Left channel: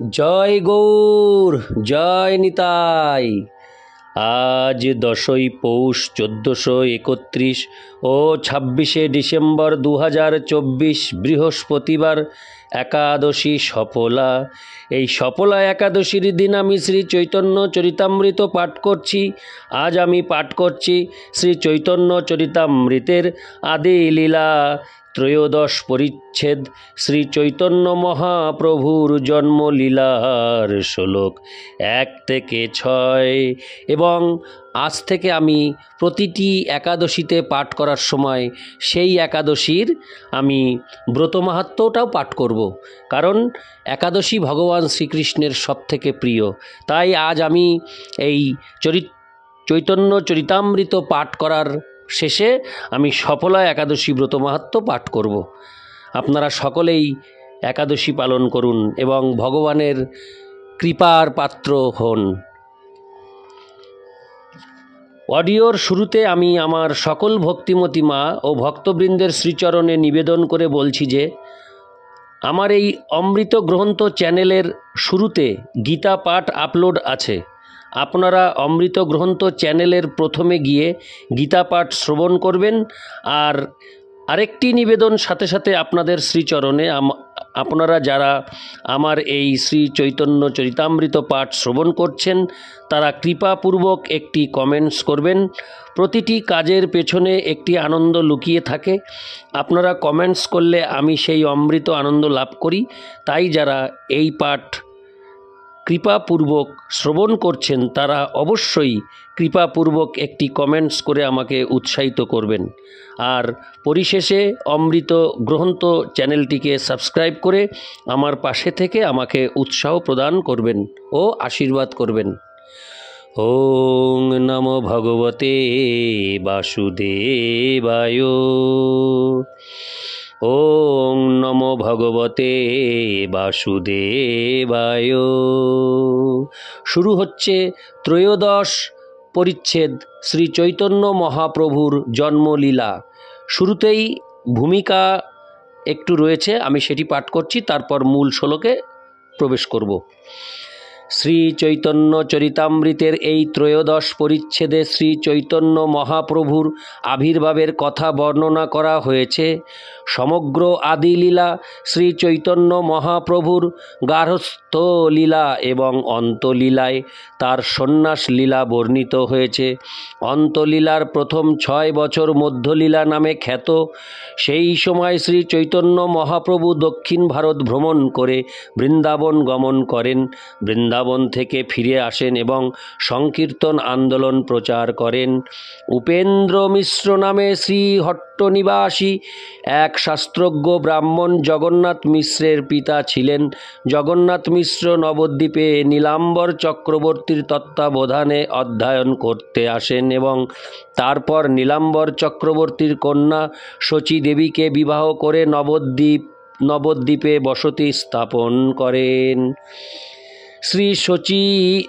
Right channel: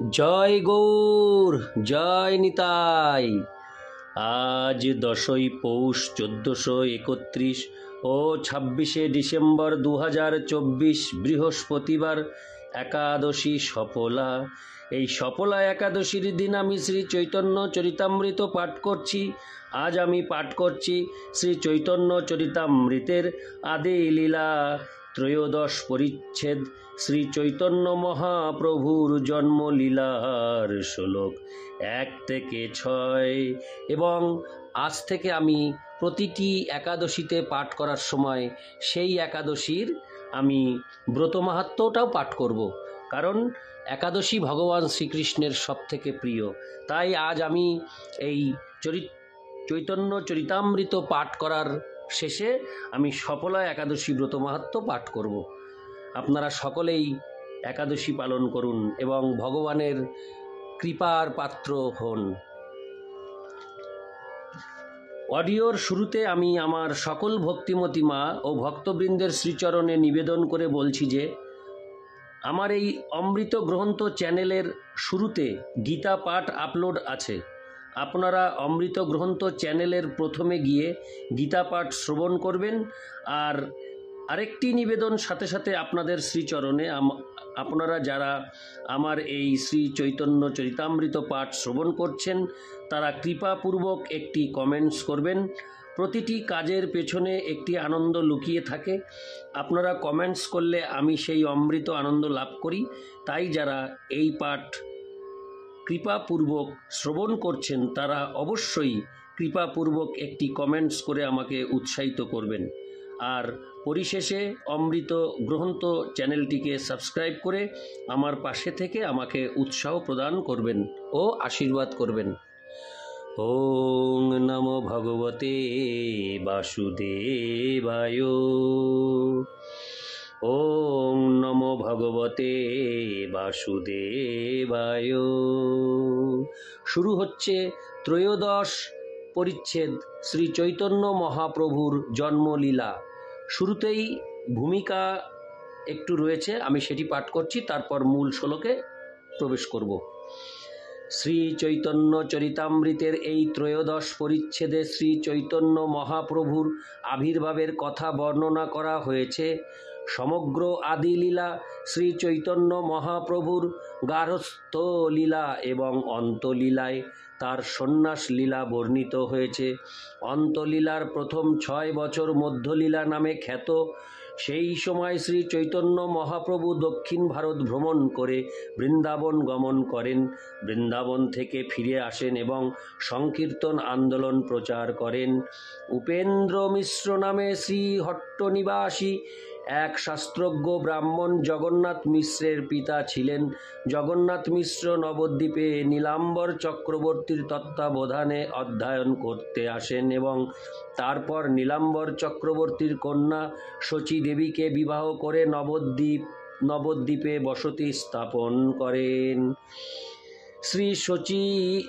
জয় গৌর, জয় নিতাই। আজ 10ই পৌষ 1431 ও 26শে ডিসেম্বর 2024 বৃহস্পতিবার, একাদশী সফলা। এই সফলা একাদশীর দিন আমি শ্রী চৈতন্য চরিতামৃত পাঠ করছি। আজ আমি পাঠ করছি শ্রী চৈতন্য চরিতামৃতের আদি লীলা ত্রয়োদশ পরিচ্ছেদ, শ্রী চৈতন্য মহাপ্রভুর জন্মলীলার শ্লোক 1 থেকে 6। এবং আজ থেকে আমি প্রতিটি একাদশীতে পাঠ করার সময় সেই একাদশীর আমি ব্রত মাহাত্ম্যটাও পাঠ করব, কারণ একাদশী ভগবান শ্রীকৃষ্ণের সবথেকে প্রিয়। তাই আজ আমি এই চৈতন্য চরিতামৃত পাঠ করার শেষে আমি সফলা একাদশী ব্রত মাহাত্ম্য পাঠ করব। আপনারা সকলেই একাদশী পালন করুন এবং ভগবানের কৃপার পাত্র হন। অডিওর শুরুতে আমি আমার সকল ভক্তিমতী মা ও ভক্তবৃন্দের শ্রীচরণে নিবেদন করে বলছি যে আমার এই অমৃত গ্রন্থ চ্যানেলের শুরুতে গীতা পাঠ আপলোড আছে। আপনারা অমৃত গ্রন্থ চ্যানেলের প্রথমে গিয়ে গীতা পাঠ শ্রবণ করবেন। আর আরেকটি নিবেদন সাথে সাথে আপনাদের শ্রীচরণে, আপনারা যারা আমার এই শ্রী চৈতন্য চরিতামৃত পাঠ শ্রবণ করছেন তারা কৃপাপূর্বক একটি কমেন্টস করবেন। প্রতিটি কাজের পেছনে একটি আনন্দ লুকিয়ে থাকে। আপনারা কমেন্টস করলে আমি সেই অমৃত আনন্দ লাভ করি। তাই যারা এই পাঠ কৃপাপূর্বক শ্রবণ করছেন তারা অবশ্যই কৃপাপূর্বক একটি কমেন্টস করে আমাকে উৎসাহিত করবেন। আর পরিশেষে অমৃত গ্রন্থ চ্যানেলটিকে সাবস্ক্রাইব করে আমার পাশে থেকে আমাকে উৎসাহ প্রদান করবেন ও আশীর্বাদ করবেন। ওং নমো ভগবতে বাসুদেবায়। ওং নমো ভগবতে বাসুদেবায়। শুরু হচ্ছে ত্রয়োদশ পরিচ্ছেদ শ্রী চৈতন্য মহাপ্রভুর জন্মলীলা। শুরুতেই ভূমিকা একটু রয়েছে, আমি সেটি পাঠ করছি, তারপর মূল শ্লোকে প্রবেশ করব। শ্রী চৈতন্য চরিতামৃতের এই ত্রয়োদশ পরিচ্ছেদে শ্রী চৈতন্য মহাপ্রভুর আবির্ভাবের কথা বর্ণনা করা হয়েছে। সমগ্র আদি লীলা, শ্রী চৈতন্য মহাপ্রভুর গার্হস্থ্য লীলা এবং অন্তলীলায় তার সন্ন্যাস লীলা বর্ণিত হয়েছে। অন্তলীলার প্রথম 6 বছর মধ্যলীলা নামে খ্যাত। সেই সময় শ্রী চৈতন্য মহাপ্রভু দক্ষিণ ভারত ভ্রমণ করে বৃন্দাবন গমন করেন। বৃন্দাবন থেকে ফিরে আসেন এবং সংকীর্তন আন্দোলন প্রচার করেন। উপেন্দ্র মিশ্র নামে শ্রীহট্ট নিবাসী এক শাস্ত্রজ্ঞ ব্রাহ্মণ জগন্নাথ মিশ্রের পিতা ছিলেন। জগন্নাথ মিশ্র নবদ্বীপে নীলাম্বর চক্রবর্তীর তত্ত্বাবধানে অধ্যয়ন করতে আসেন এবং তারপর নীলাম্বর চক্রবর্তীর কন্যা শচী দেবীকে বিবাহ করে নবদ্বীপে বসতি স্থাপন করেন।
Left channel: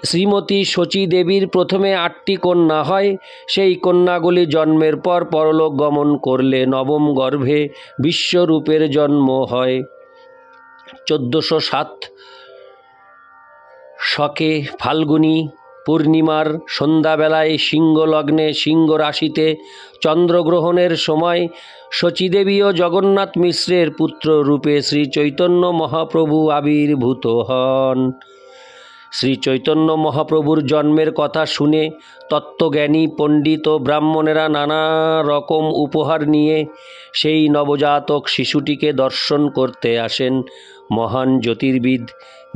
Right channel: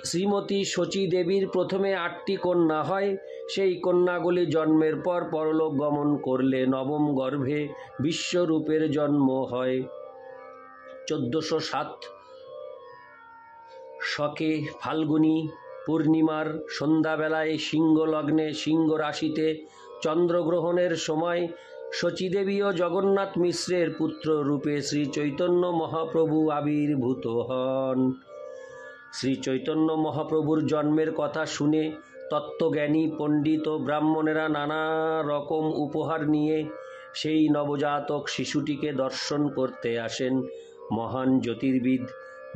শ্রীমতী শচী দেবীর প্রথমে 8টি কন্যা হয়। সেই কন্যাগুলি জন্মের পর পরলোক গমন করলে নবম গর্ভে বিশ্বরূপের জন্ম হয়। 1407 শকে ফাল্গুনী পূর্ণিমার সন্ধ্যাবেলায় সিংহ লগ্নে সিংহ রাশিতে চন্দ্রগ্রহণের সময় শচীদেবী ও জগন্নাথ মিশ্রের পুত্র রূপে শ্রী চৈতন্য মহাপ্রভু আবির্ভূত হন। শ্রী চৈতন্য মহাপ্রভুর জন্মের কথা শুনে তত্ত্বজ্ঞানী পণ্ডিত ও ব্রাহ্মণেরা নানা রকম উপহার নিয়ে সেই নবজাতক শিশুটিকে দর্শন করতে আসেন। মহান জ্যোতির্বিদ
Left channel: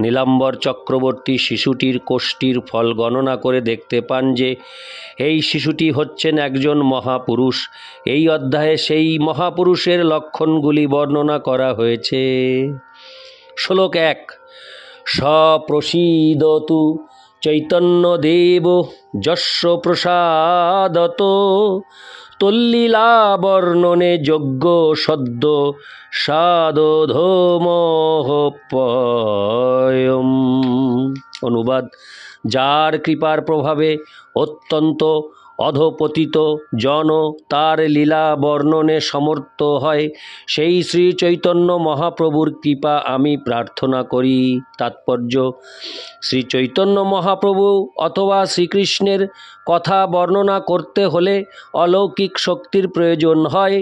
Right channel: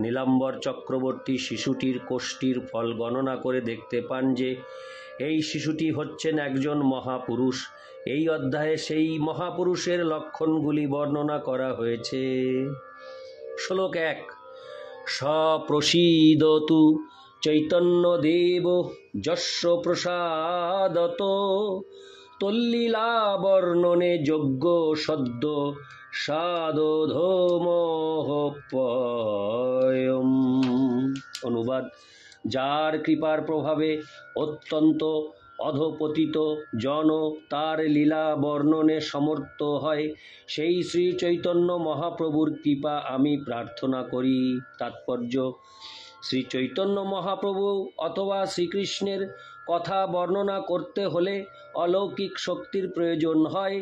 নীলাম্বর চক্রবর্তী শিশুটির কোষ্ঠীর ফল গণনা করে দেখতে পান যে এই শিশুটি হচ্ছেন একজন মহাপুরুষ। এই অধ্যায়ে সেই মহাপুরুষের লক্ষণগুলি বর্ণনা করা হয়েছে। শ্লোক 1। সপ্রসীদতু চৈতন্যদেব যস্য প্রসাদত তল্লীলা বর্ণনে যোগ্য সদ্য সাদধোমোহপয়ম। অনুবাদ: যার কৃপার প্রভাবে অত্যন্ত অধপতিত জন তার লীলা বর্ণনে সমর্থ হয়, সেই শ্রী চৈতন্য মহাপ্রভুর কৃপা আমি প্রার্থনা করি। তাৎপর্য: শ্রী চৈতন্য মহাপ্রভু অথবা শ্রীকৃষ্ণের কথা বর্ণনা করতে হলে অলৌকিক শক্তির প্রয়োজন হয়,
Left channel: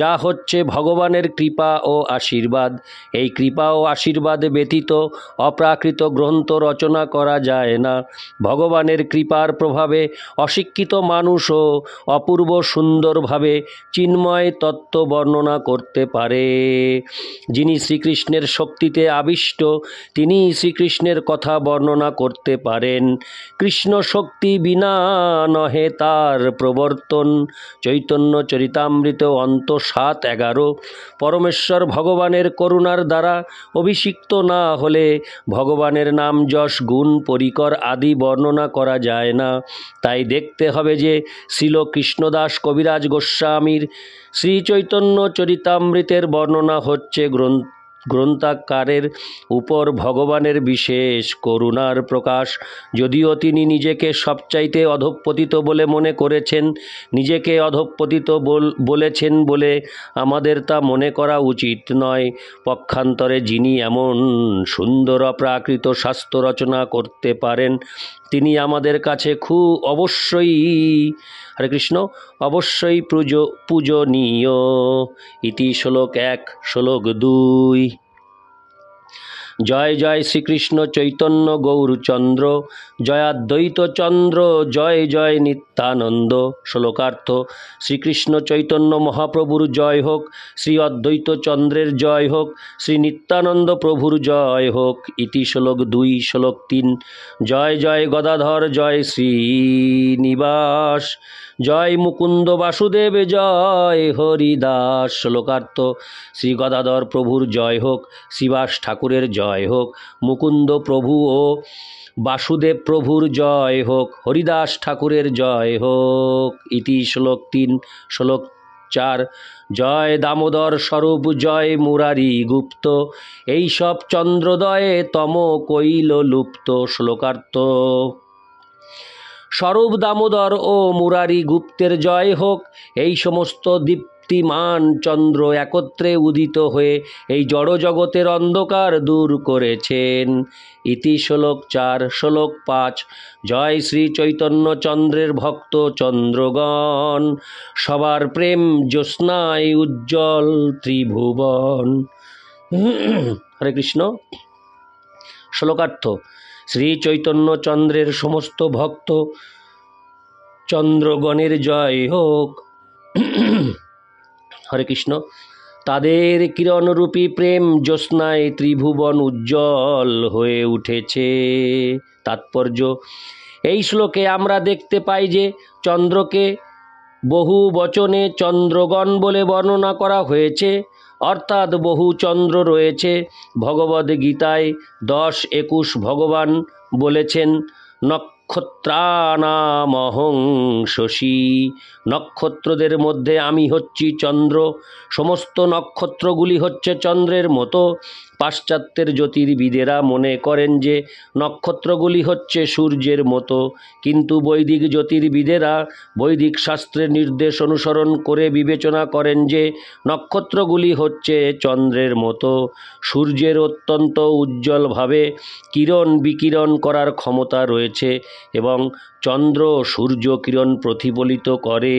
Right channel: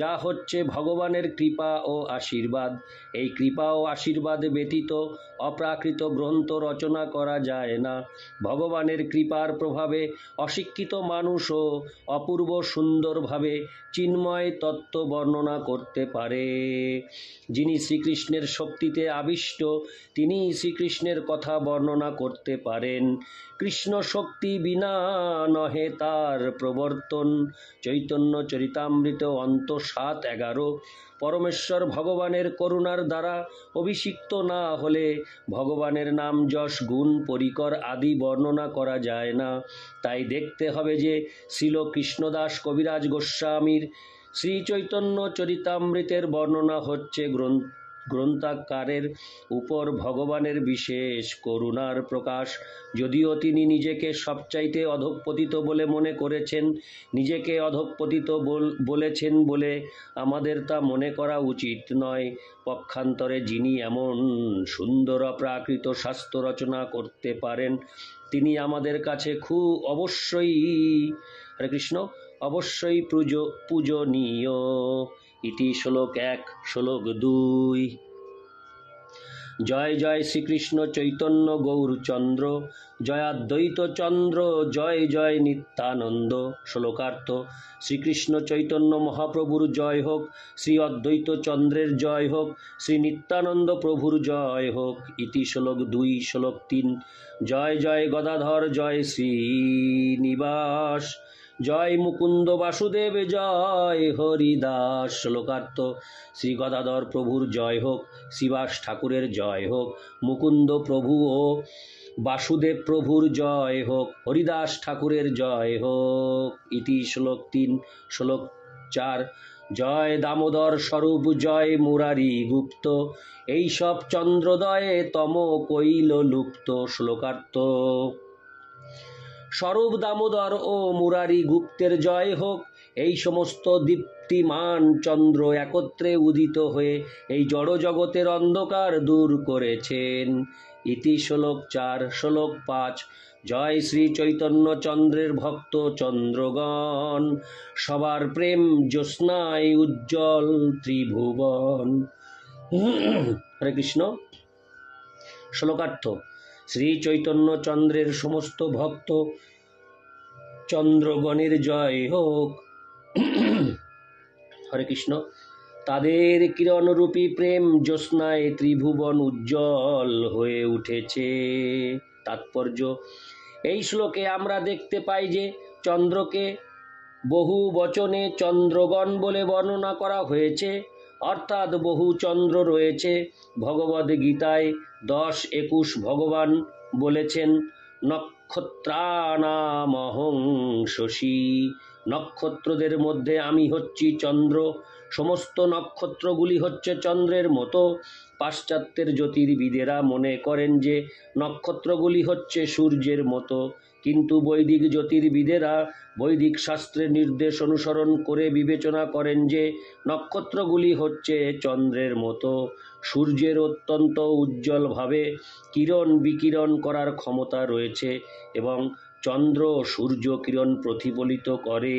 যা হচ্ছে ভগবানের কৃপা ও আশীর্বাদ। এই কৃপা ও আশীর্বাদ ব্যতীত অপ্রাকৃত গ্রন্থ রচনা করা যায় না। ভগবানের কৃপার প্রভাবে অশিক্ষিত মানুষও অপূর্ব সুন্দরভাবে চিন্ময় তত্ত্ব বর্ণনা করতে পারে। যিনি শ্রীকৃষ্ণের শক্তিতে আবিষ্ট, তিনি শ্রীকৃষ্ণের কথা বর্ণনা করতে পারেন। কৃষ্ণ শক্তি বিনা নহে তার প্রবর্তন। চৈতন্য চরিতামৃত অন্ত ৭-১১। পরমেশ্বর ভগবানের করুণার দ্বারা অভিষিক্ত না হলে ভগবানের নাম, যশ, গুণ, পরিকর আদি বর্ণনা করা যায় না। তাই দেখতে হবে যে শ্রীল কৃষ্ণদাস কবিরাজ গোস্বামীর শ্রী চৈতন্য চরিতামৃতের বর্ণনা হচ্ছে গ্রন্থাকারের উপর ভগবানের বিশেষ করুণার প্রকাশ। যদিও তিনি নিজেকে সবচাইতে অধঃপতিত বলে মনে করেছেন, নিজেকে অধঃপতিত বলেছেন বলে আমাদের তা মনে করা উচিত নয়। পক্ষান্তরে যিনি এমন সুন্দর অপ্রাকৃত শাস্ত্র রচনা করতে পারেন, তিনি আমাদের কাছে হরে কৃষ্ণ, অবশ্যই পূজনীয়। ইতি শ্লোক 1, শ্লোক 2। জয় জয় শ্রীকৃষ্ণ চৈতন্য গৌরচন্দ্র, জয়াদ্বৈত চন্দ্র, জয় জয় নিত্যানন্দ। শ্লোকার্থ: শ্রীকৃষ্ণ চৈতন্য মহাপ্রভুর জয় হোক, শ্রী অদ্বৈত চন্দ্রের জয় হোক, শ্রী নিত্যানন্দ প্রভুর জয় হোক। ইতি শ্লোক 2, শ্লোক 3। জয় জয় গদাধর, জয় শ্রীনিবাস, জয় মুকুন্দ বাসুদেব, জয় হরিদাস। শ্লোকার্থ: শ্রী গদাধর প্রভুর জয় হোক, শ্রীবাস ঠাকুরের জয় হোক, মুকুন্দ প্রভু ও বাসুদেব প্রভুর জয় হোক, হরিদাস ঠাকুরের জয় হোক। ইতি শ্লোক 3, শ্লোক 4। জয় দামোদর স্বরূপ, জয় মুরারি গুপ্ত, এইসব চন্দ্রোদয়ে তম কইল লুপ্ত। শ্লোকার্থ: স্বরূপ দামোদর ও মুরারি গুপ্তের জয় হোক। এই সমস্ত দীপ্তিমান চন্দ্র একত্রে উদিত হয়ে এই জড়জগতের অন্ধকার দূর করেছেন। ইতি শ্লোক 4, শ্লোক 5। জয় শ্রী চৈতন্য চন্দ্রের ভক্ত চন্দ্রগণ, সবার প্রেম জ্যোৎস্নায় উজ্জ্বল ত্রিভুবন। হরে কৃষ্ণ। শ্লোকার্থ: শ্রী চৈতন্য চন্দ্রের সমস্ত ভক্ত চন্দ্রগণের জয় হোক। হরে কৃষ্ণ। তাদের কিরণরূপী প্রেম জ্যোৎস্নায় ত্রিভুবন উজ্জ্বল হয়ে উঠেছে। তাৎপর্য: এই শ্লোকে আমরা দেখতে পাই যে চন্দ্রকে বহু বচনে চন্দ্রগণ বলে বর্ণনা করা হয়েছে, অর্থাৎ বহু চন্দ্র রয়েছে। ভগবদ্গীতায় 10-21 ভগবান বলেছেন, নক্ষত্রানামহং শশী, নক্ষত্রদের মধ্যে আমি হচ্ছি চন্দ্র। সমস্ত নক্ষত্রগুলি হচ্ছে চন্দ্রের মতো। পাশ্চাত্যের জ্যোতির্বিদেরা মনে করেন যে নক্ষত্রগুলি হচ্ছে সূর্যের মতো, কিন্তু বৈদিক জ্যোতির্বিদেরা বৈদিক শাস্ত্রের নির্দেশ অনুসরণ করে বিবেচনা করেন যে নক্ষত্রগুলি হচ্ছে চন্দ্রের মতো। সূর্যের অত্যন্ত উজ্জ্বলভাবে কিরণ বিকিরণ করার ক্ষমতা রয়েছে এবং চন্দ্র সূর্য কিরণ প্রতিফলিত করে,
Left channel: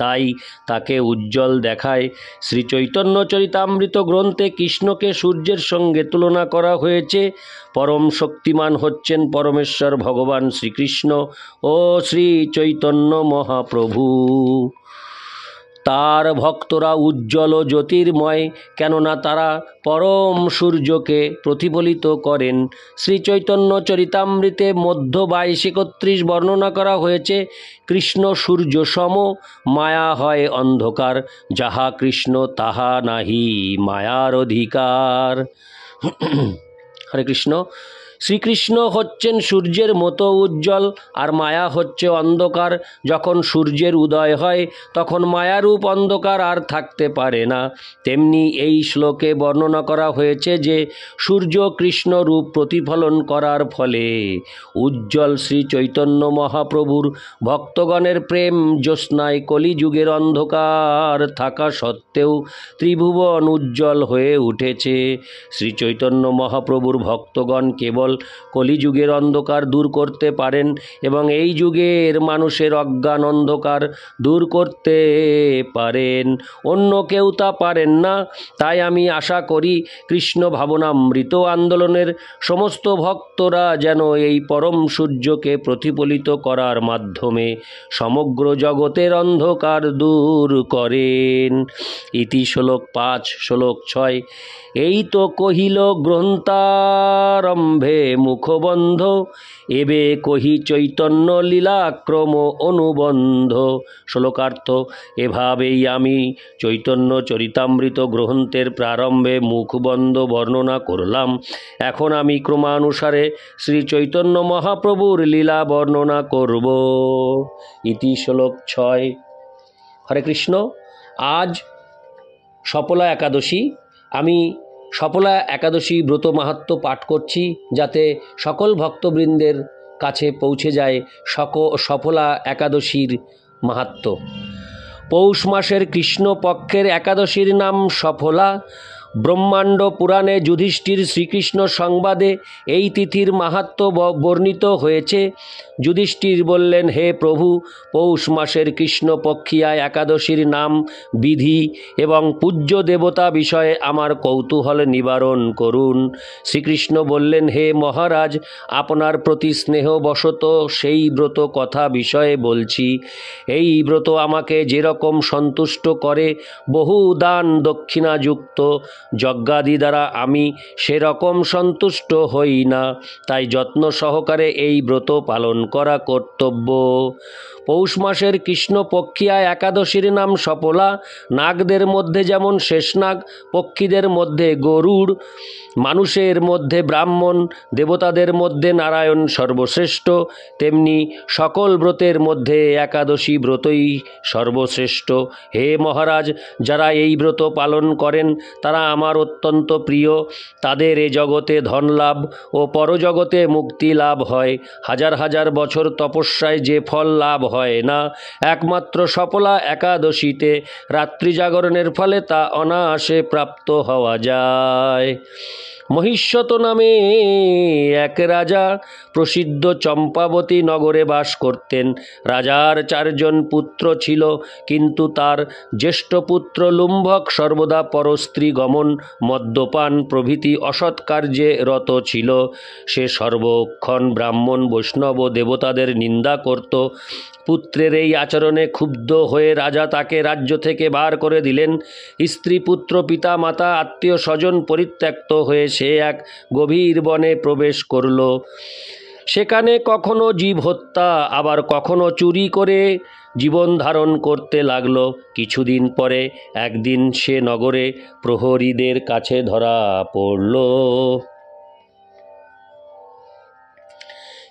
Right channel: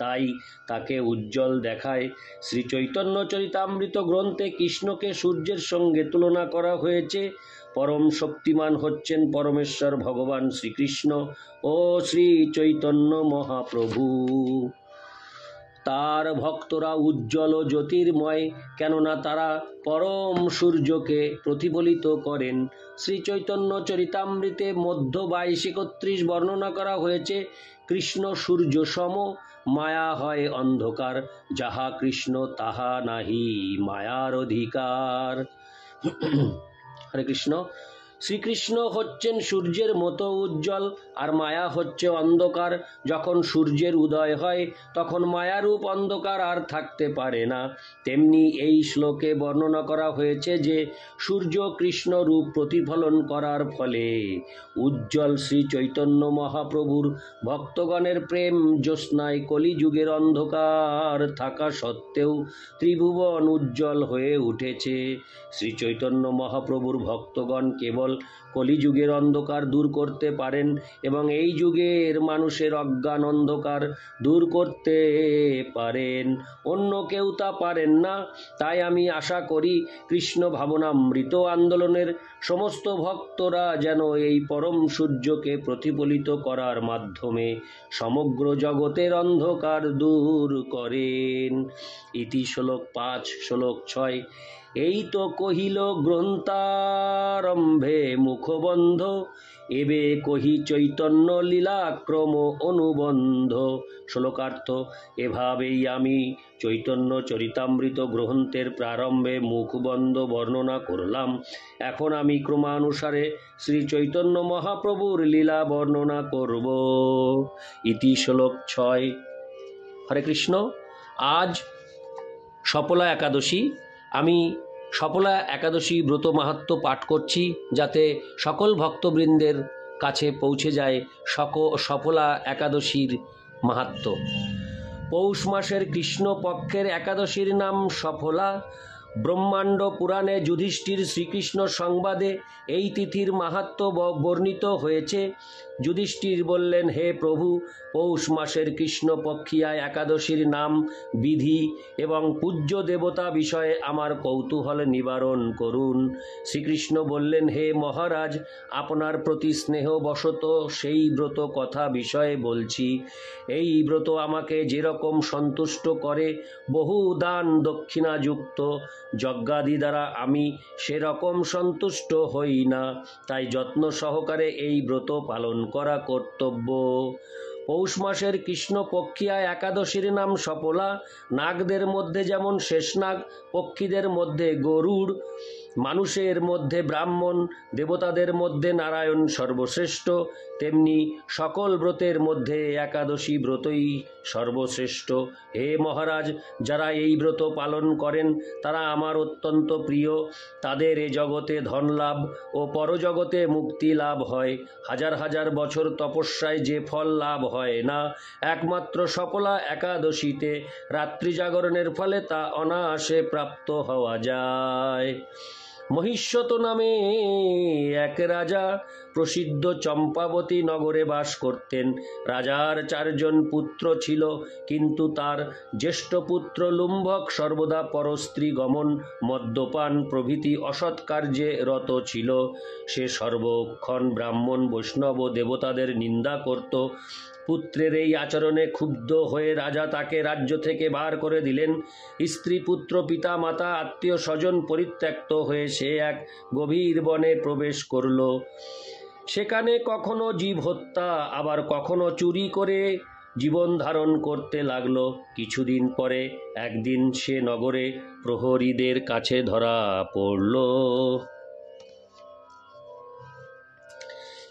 তাই তাকে উজ্জ্বল দেখায়। শ্রী চৈতন্য চরিতামৃত গ্রন্থে কৃষ্ণকে সূর্যের সঙ্গে তুলনা করা হয়েছে। পরম শক্তিমান হচ্ছেন পরমেশ্বর ভগবান শ্রীকৃষ্ণ ও শ্রী চৈতন্য মহাপ্রভু। তার ভক্তরা উজ্জ্বল ও জ্যোতির্ময়, কেননা তারা পরম সূর্যকে প্রতিফলিত করেন। শ্রী চৈতন্য চরিতামৃতে মধ্য 22-31 বর্ণনা করা হয়েছে, কৃষ্ণ সূর্য সম, মায়া হয় অন্ধকার, যাহা কৃষ্ণ তাহা নাহি মায়ার অধিকার। হরে কৃষ্ণ। শ্রীকৃষ্ণ হচ্ছেন সূর্যের মতো উজ্জ্বল, আর মায়া হচ্ছে অন্ধকার। যখন সূর্যের উদয় হয় তখন মায়ারূপ অন্ধকার আর থাকতে পারে না। তেমনি এই শ্লোকে বর্ণনা করা হয়েছে যে সূর্য কৃষ্ণ রূপ প্রতিফলন করার ফলে উজ্জ্বল শ্রী চৈতন্য মহাপ্রভুর ভক্তগণের প্রেম জ্যোৎস্নায় কলিযুগের অন্ধকার থাকা সত্ত্বেও ত্রিভুবন উজ্জ্বল হয়ে উঠেছে। শ্রী চৈতন্য মহাপ্রভুর ভক্তগণ কেবল কলিযুগের অন্ধকার দূর করতে পারেন এবং এই যুগের মানুষের অজ্ঞান অন্ধকার দূর করতে পারেন, অন্য কেউ তা পারেন না। তাই আমি আশা করি কৃষ্ণ ভাবনামৃত আন্দোলনের সমস্ত ভক্তরা যেন এই পরম সূর্যকে প্রতিফলিত করার মাধ্যমে সমগ্র জগতের অন্ধকার দূর করেন। ইতি শ্লোক 5 শ্লোক 6। এই তো কহিল গ্রন্থারম্ভে মুখবন্ধ, এবে কহি চৈতন্য লীলাক্রম অনুবন্ধ। শ্লোকার্থ: এভাবেই আমি চৈতন্য চরিতামৃত গ্রন্থের প্রারম্ভে মুখবন্ধ বর্ণনা করলাম। এখন আমি ক্রমানুসারে শ্রী চৈতন্য মহাপ্রভুর লীলা বর্ণনা করব। ইতি শ্লোক 6। হরে কৃষ্ণ। আজ সফলা একাদশী। আমি সফলা একাদশী ব্রত মাহাত্ম্য পাঠ করছি, যাতে সকল ভক্তবৃন্দের কাছে পৌঁছে যায় সফলা একাদশীর মাহাত্ম্য। পৌষ মাসের কৃষ্ণ পক্ষের একাদশীর নাম সফলা। ব্রহ্মাণ্ড পুরাণে যুধিষ্ঠির শ্রীকৃষ্ণ সংবাদে এই তিথির মাহাত্ম্য বর্ণিত হয়েছে। যুধিষ্ঠির বললেন, হে প্রভু, পৌষ মাসের কৃষ্ণপক্ষিয়া একাদশীর নাম, বিধি এবং পূজ্য দেবতা বিষয়ে আমার কৌতূহল নিবারণ করুন। শ্রীকৃষ্ণ বললেন, হে মহারাজ, আপনার প্রতি স্নেহবশত সেই ব্রত কথা বিষয়ে বলছি। এই ব্রত আমাকে যেরকম সন্তুষ্ট করে, বহু দান দক্ষিণাযুক্ত যজ্ঞাদি দ্বারা আমি সেরকম সন্তুষ্ট হই না। তাই যত্ন সহকারে এই ব্রত পালন করা কর্তব্য। পৌষ মাসের কৃষ্ণপক্ষিয়া একাদশীর নাম সফলা। নাগদের মধ্যে যেমন শেষনাগ, পক্ষীদের মধ্যে গরুড়, মানুষের মধ্যে ব্রাহ্মণ, দেবতাদের মধ্যে নারায়ণ সর্বশ্রেষ্ঠ, তেমনি সকল ব্রতের মধ্যে একাদশী ব্রতই সর্বশ্রেষ্ঠ। হে মহারাজ, যারা এই ব্রত পালন করেন তারা আমার অত্যন্ত প্রিয়। তাদের এ জগতে ধন লাভ ও পরজগতে মুক্তি লাভ হয়। হাজার হাজার বছর তপস্যায় যে ফল লাভ হয় না, একমাত্র সফলা একাদশীতে রাত্রি জাগরণের ফলে তা অনায়াসে প্রাপ্ত হওয়া যায়। মহিষ্যত নামে এক রাজা প্রসিদ্ধ চম্পাবতী নগরে বাস করতেন। রাজার 4 জন পুত্র ছিল, কিন্তু তার জ্যেষ্ঠ পুত্র লুম্ভক সর্বদা পরস্ত্রী গমন, মদ্যপান প্রভৃতি অসৎ কার্যে রত ছিল। সে সর্বক্ষণ ব্রাহ্মণ, বৈষ্ণব ও দেবতাদের নিন্দা করত। পুত্রের এই আচরণে ক্ষুব্ধ হয়ে রাজা তাকে রাজ্য থেকে বার করে দিলেন। স্ত্রী, পুত্র, পিতা মাতা, আত্মীয় স্বজন পরিত্যক্ত হয়ে সে এক গভীর বনে প্রবেশ করল। সেখানে কখনো জীব হত্যা, আবার কখনো চুরি করে জীবন ধারণ করতে লাগল। কিছুদিন পরে একদিন সে নগরে প্রহরীদের কাছে ধরা পড়ল।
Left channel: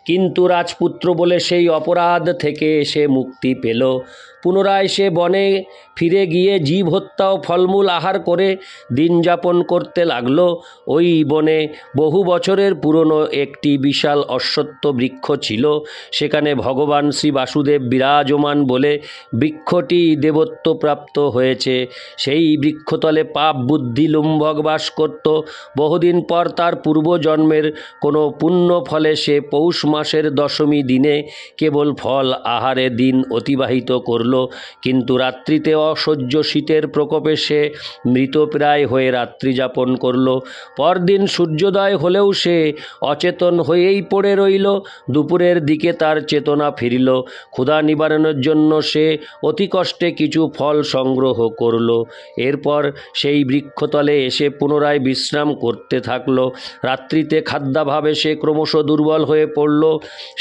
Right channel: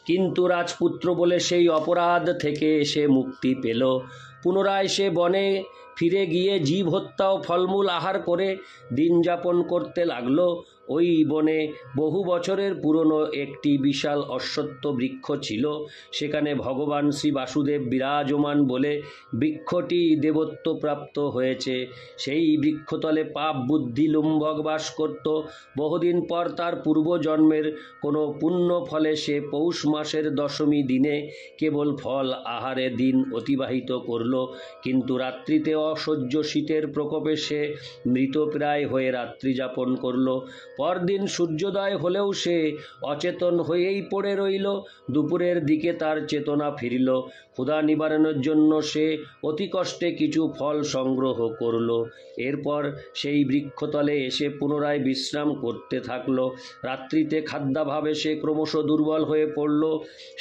কিন্তু রাজপুত্র বলে সেই অপরাধ থেকে সে মুক্তি পেল। পুনরায় সে বনে ফিরে গিয়ে জীব হত্যা ও ফলমূল আহার করে দিন যাপন করতে লাগল। ওই বনে বহু বছরের পুরনো একটি বিশাল অশ্বত্থ বৃক্ষ ছিল। সেখানে ভগবান শ্রী বাসুদেব বিরাজমান বলে বৃক্ষটি দেবত্ব প্রাপ্ত হয়েছে। সেই বৃক্ষতলে পাপ বুদ্ধি লুম্ভক বাস করত। বহুদিন পর তার পূর্বজন্মের কোনো পুণ্য ফলে সে পৌষ মাসের দশমী দিনে কেবল ফল আহারে দিন অতিবাহিত করল। কিন্তু রাত্রিতে অসহ্য শীতের প্রকোপে সে মৃতপ্রায় হয়ে রাত্রি যাপন করল। পরদিন সূর্যোদয় হলেও সে অচেতন হয়েই পড়ে রইল। দুপুরের দিকে তার চেতনা ফিরিল। ক্ষুধা নিবারণের জন্য সে অতি কষ্টে কিছু ফল সংগ্রহ করল। এরপর সেই বৃক্ষতলে এসে পুনরায় বিশ্রাম করতে থাকল। রাত্রিতে খাদ্যাভাবে সে ক্রমশ দুর্বল হয়ে পড়ল।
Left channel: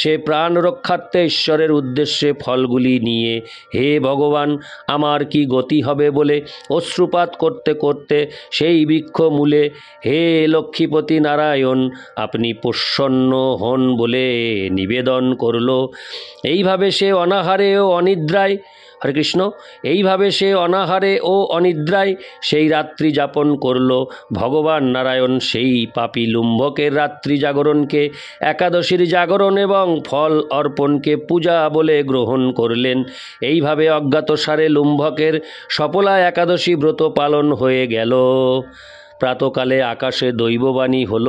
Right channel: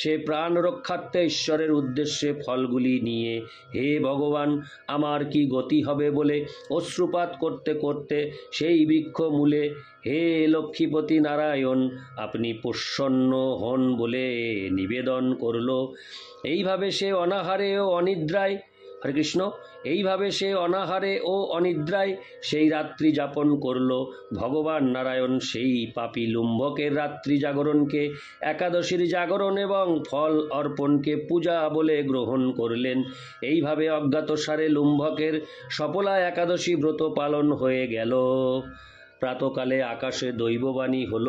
সে প্রাণ রক্ষার্থে ঈশ্বরের উদ্দেশ্যে ফলগুলি নিয়ে, হে ভগবান, আমার কি গতি হবে বলে অশ্রুপাত করতে করতে সেই বৃক্ষ মূলে হে লক্ষ্মীপতি নারায়ণ আপনি প্রসন্ন হন বলে নিবেদন করল। এইভাবে সে অনাহারে ও অনিদ্রায়, হরে কৃষ্ণ, এইভাবে সে অনাহারে ও অনিদ্রায় সেই রাত্রি যাপন করল। ভগবান নারায়ণ সেই পাপী লুম্ভকের রাত্রি জাগরণকে একাদশীর জাগরণ এবং ফল অর্পণকে পূজা বলে গ্রহণ করলেন। এইভাবে অজ্ঞাতসারে লুম্ভকের সফলা একাদশী ব্রত পালন হয়ে গেল। প্রাতকালে আকাশে দৈববাণী হল,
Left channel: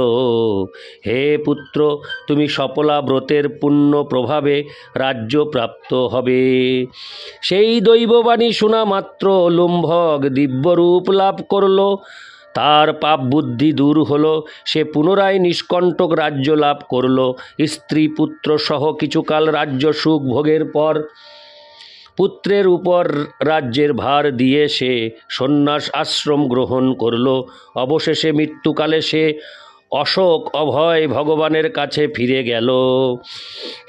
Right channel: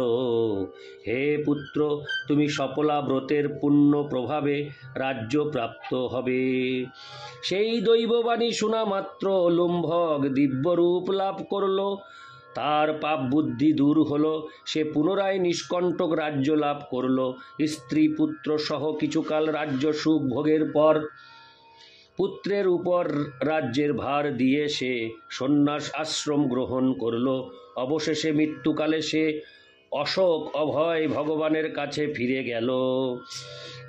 হে পুত্র, তুমি সফলা ব্রতের পুণ্য প্রভাবে রাজ্য প্রাপ্ত হবে। সেই দৈববাণী শোনা মাত্র লুম্ভক দিব্যরূপ লাভ করল। তার পাপ বুদ্ধি দূর হলো, সে পুনরায় নিষ্কণ্টক রাজ্য লাভ করল। স্ত্রী পুত্র সহ কিছুকাল রাজ্য সুখ ভোগের পর পুত্রের উপর রাজ্যের ভার দিয়ে সে সন্ন্যাস আশ্রম গ্রহণ করল। অবশেষে মৃত্যুকালে সে অশোক অভয় ভগবানের কাছে ফিরে গেল।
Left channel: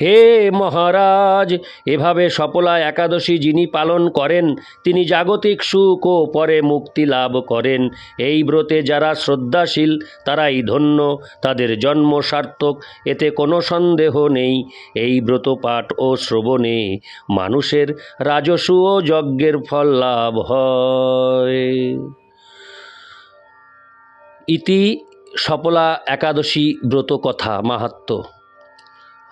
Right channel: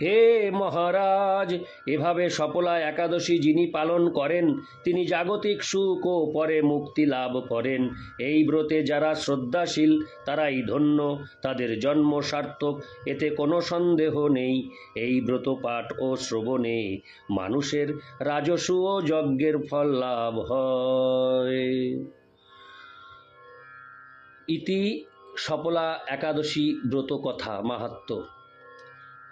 হে মহারাজ, এভাবে সফলা একাদশী যিনি পালন করেন তিনি জাগতিক সুখ ও পরে মুক্তি লাভ করেন। এই ব্রতে যারা শ্রদ্ধাশীল তারাই ধন্য, তাদের জন্ম সার্থক, এতে কোনো সন্দেহ নেই। এই ব্রত পাঠ ও শ্রবণে মানুষের রাজসূয় ও যজ্ঞের ফল লাভ হয়। ইতি সফলা একাদশী ব্রত কথা মাহাত্ম্য।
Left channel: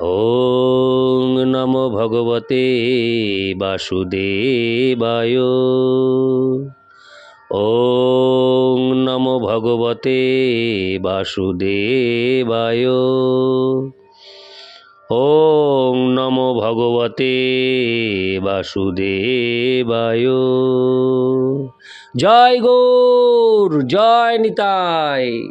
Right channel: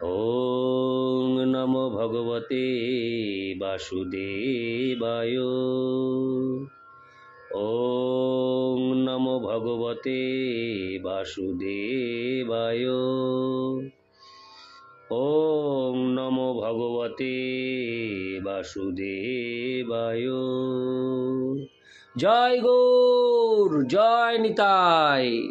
ওং নমো ভগবতে বাসুদেবায়। ওং নমো ভগবতে বাসুদেবায়। ওং নমো ভগবতে বাসুদেবায়। জয় গৌর, জয় নিতাই।